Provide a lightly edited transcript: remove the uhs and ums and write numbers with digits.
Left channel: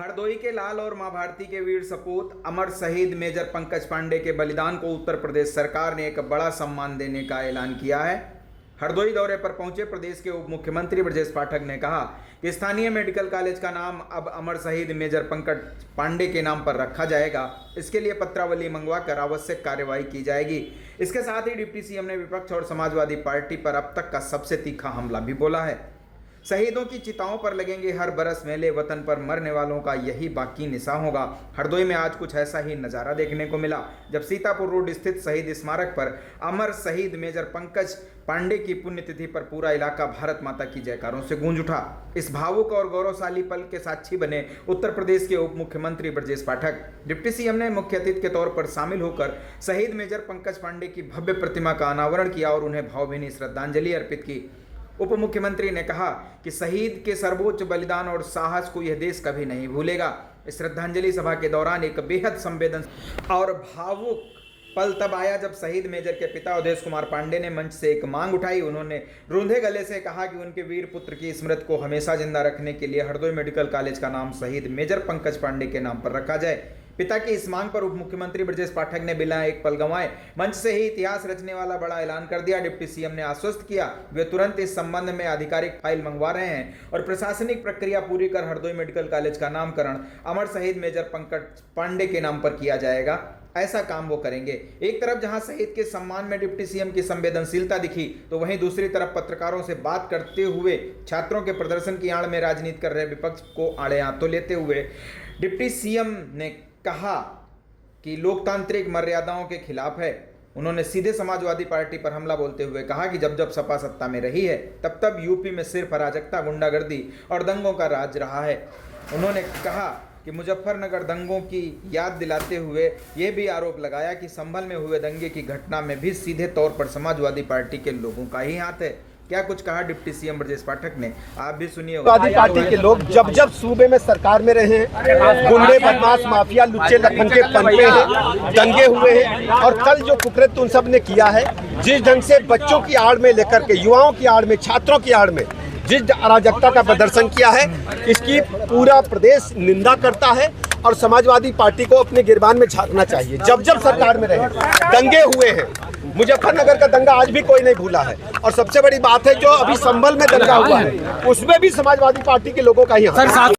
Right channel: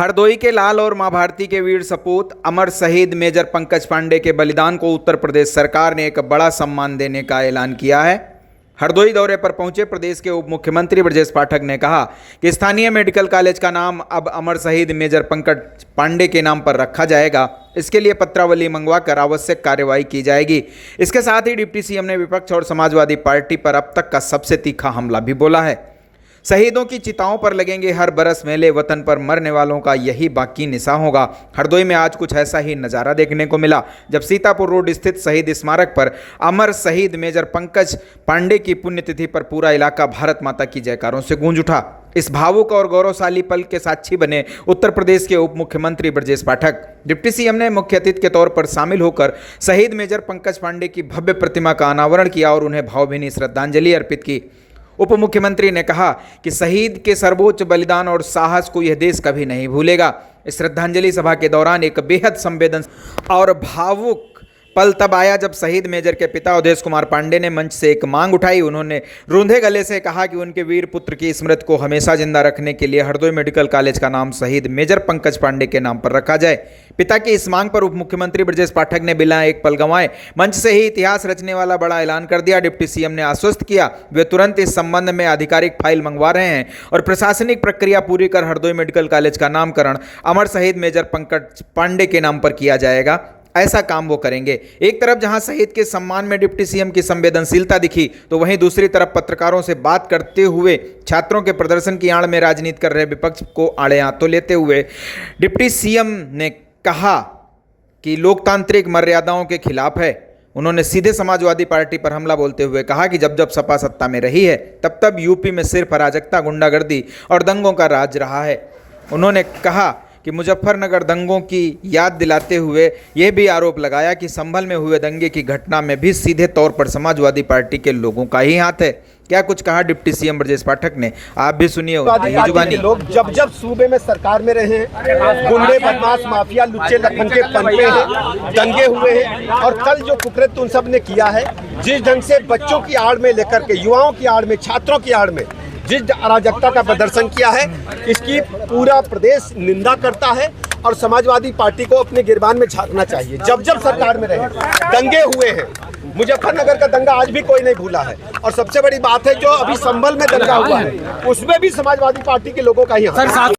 हरदोई के लाल और मां भारती के वीर सपूत अमर शहीद मेजर पंकज पांडे के बलिदान को उत्तर प्रदेश सरकार ने एक बड़ा सम्मान देने का ऐलान किया है। हरदोई दौरे पर पहुंचे प्रदेश के उप मुख्यमंत्री ब्रजेश पाठक ने कहा कि स्थानीय मेडिकल कॉलेज का नाम अब अमर शहीद मेजर पंकज पांडे के नाम पर रखा जाएगा। इसके लिए पत्रावली मंगवाकर आवश्यक कार्रवाई की जाएगी। इसके साथ ही डिप्टी सीएम ने विपक्ष और समाजवादी पार्टी पर अब तक का सबसे तीखा हमला भी बोला है। शहीदों की चिताओं पर लगेंगे हर बरस मेले, वतन पर मरने वालों का यही बाकी निशा होगा। हरदोई में आज कुछ ऐसा ही नज़ारा देखने को मिला जब सीतापुर रोड स्थित शहीद स्मारक पर अमर शहीद मेजर पंकज पांडे की पुण्यतिथि पर पूरा इलाका भारत माता की जयकारों से गूंज उठा। इस भावुक और गौरवशाली पल के साक्षी बने उत्तर प्रदेश के उप मुख्यमंत्री ब्रजेश पाठक। डिप्टी सीएम ने मुख्य अतिथि के तौर पर शामिल होकर शहीद मेजर पंकज पांडे की भव्य प्रतिमा का अनावरण किया और उन्हें भावभीनी श्रद्धांजलि अर्पित की। उप मुख्यमंत्री ने कहा कि शहीद के सर्वोच्च बलिदान और साहस को यह देश कभी नहीं भूलेगा। इस श्रद्धांजलि सभा के दौरान एक बेहद संवेदनशील और भावुक पल तब आया जब शहीद मेजर के पिता अवधेश कुमार पांडे ने मंच से एक मांग उठाई। उन्होंने रूंधे गले से कहा कि उनके वीर पुत्र की स्मृति को हमेशा जिंदा रखने के लिए हरदोई मेडिकल कॉलेज का नाम शहीद मेजर पंकज पांडे के नाम पर रखा जाए। पिता की इस मांग पर उप मुख्यमंत्री ब्रजेश पाठक ने बिना एक पल गंवाए मंच से ही इतिहास रचने वाला बड़ा ऐलान कर दिया। डिप्टी सीएम ने आश्वस्त किया वे तुरंत इस संबंध में आधिकारिक फाइल मंगवा रहे हैं और प्रशासनिक प्रक्रिया पूरी कर हरदोई मेडिकल कॉलेज का नामकरण अमर शहीद मेजर पंकज पांडे के नाम पर किया जाएगा। ऐसा काम वो करेंगे। एक तरफ जहां शहीद के सम्मान में डिप्टी सीएम की संवेदनशीलता दिखी, तो वहीं दूसरी तरफ पत्रकारों से बात करते हुए छात्रों के प्रदर्शन की आड़ में राजनीति कर रहे विपक्ष को आड़े हाथों लेते हुए डिप्टी सीएम ने कहा कि लोकतांत्रिक मर्यादाओं के खिलाफ है। उन्होंने सीधे समाजवादी पार्टी पर हमला बोलते हुए कहा कि जब जब सपा सत्ता में रही है तब तब यूपी में सिर्फ अराजकता, गुंडागर्दी और दंगों का राज रहा है। उन्होंने कहा कि मुजफ्फरनगर दंगों की याद दिलाते हुए यह भी आरोप लगाया कि संभल में हुए दंगे की घटना में भी सीधे तौर पर समाजवादी पार्टी के लोगों का ही हाथ है। क्या कुछ कहा डिप्टी सीएम ब्रजेश पाठक ने, आप भी सुनिए। पार्टी के लोग जब जब सूबे में सरकार में रहे हैं, गुंडे, बदमाश, माफिया, लुच्चे लखन के पनपे हैं, दंगे हुए हैं और कल जो कुकृत्य उन सब ने किया है, जिस ढंग से बच्चों की आड़ में लेकर के, युवाओं की आड़ में, छात्रों की आड़ में जिस अराजकता का प्रदर्शन किया है, इसकी पूरा प्रदेश निंदा करता है और समाजवादी पार्टी को अपने गिरबान में झांकना चाहिए। जब जब सरकार में रहे दंगे हुए हैं, मुजफ्फरनगर का दंगा आज भी कोई नहीं भूला है और सबसे बड़ी बात है जो अभी संभल में दंगा हुआ है उसमें भी समाजवादी पार्टी के लोगों का ही हाथ है।